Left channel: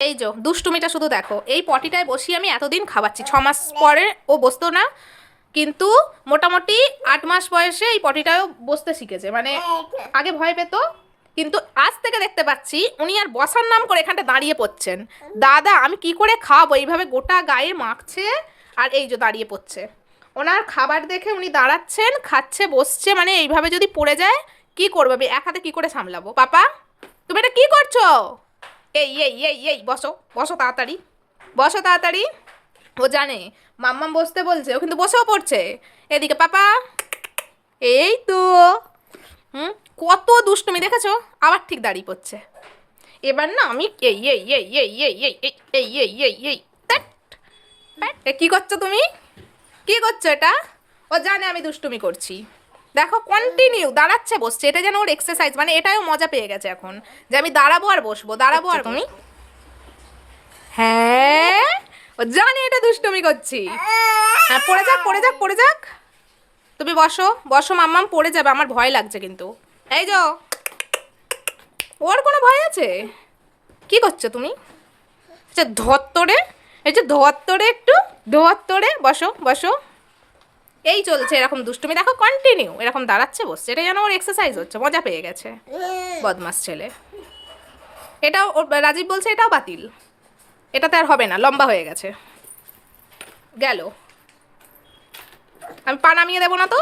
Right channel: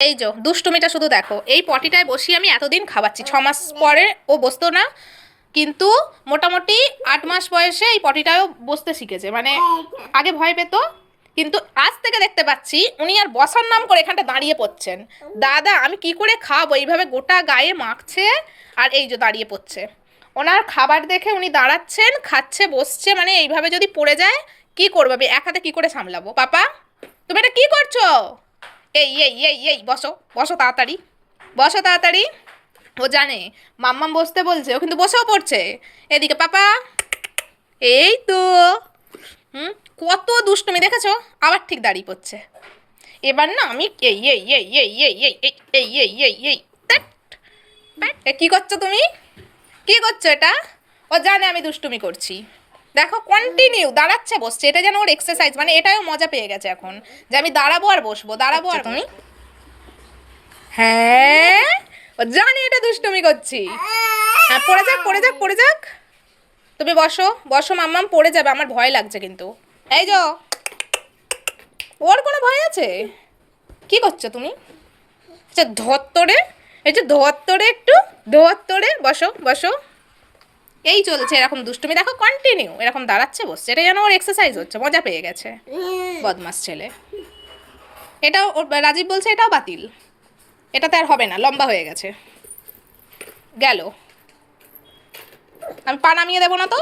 এই যে দুষ্টুমিটা শুধু দেখো, এই পটিটায় বসিয়ে আমি এতদিন খাওয়াচ্ছি, 6 মাস পরে ও বসতো না, কিন্তু মোটামুটি 8 মাস বয়সে এই পটিটায়ও বসতে শিখেছে। মানে আগে ভয় পেত, কিন্তু আজ থেকে দেখতে পাচ্ছি উনি আর বসার নাম করে এখানটা দাঁড়িয়ে পড়ছেন। দাদা আমি কি করে খাবো, এইভাবে গোটা গায়ে মাখছে আর এই যে দাঁড়িয়ে পড়ছে। ওনার খাবার দেখে উনি দাঁড়াচ্ছেন, খাচ্ছে, বসছে, মানে এইভাবে যদি পড়ে যায় কি করবো আমি, এক হাতে কি করে সামলাবো? পাপা তুমি এটা কি করছো? এই এই এই এই বসো, বসো তাড়াতাড়ি, বসো তাড়াতাড়ি। ও জানে মাম্মাম বসতে বলছে, ও কিন্তু বসেও পড়ছে। এদিকে পাপা, এই তো। হুম, কত দুষ্টুমি দেখেছো, আবার ঠিক দাঁড়িয়ে পড়ছে। এবার না আমি এই এই এই এই এই এই এই এই এই এই এই ধ্যাৎ, ধ্যাৎ। কি করছো তুমি, কি করছো এটা? ও জানে আমি দুষ্টুমি করছি। দেখো কন্টিনিউ দাঁড়াচ্ছে বসছে, এটা যেন ওর এক্সারসাইজ, মানে এটাও মজা পেয়ে গেছে এখন, যে আমি দাঁড়াবো আর বসবো, দাঁড়াবো আর তুমি। হ্যাঁ, ও জানে এটা দুষ্টুমি করছি। হ্যাঁ পড়ে যাক, পড়ে যাক, পড়ে যাক। তুমি বসো, বসো, মাম্মাম পড়ে যাবে, আমার ভয় লাগছে কিন্তু। এই যো, ওর কোনো ভয় আছে? কি করছো তুমি? আচ্ছা ধত্তরে, এই যে ধত্তরে, একটু ধত্তরে, বসো বসো। এই চলছে এরকম দুষ্টুমি, দেখো কন্টিনিউ এরকম দাঁড়াচ্ছে বসছে, এটা যেন ওর এক্সারসাইজ হচ্ছে, মজা পেয়ে গেছে বদমাস ছেলে। এটাও রাজীব বলছে এটাও বাতিল, এটাতে আর হবে না, লম্বা হয়ে গেছে। গেল, আমি পা নামিয়ে দেবো না তো।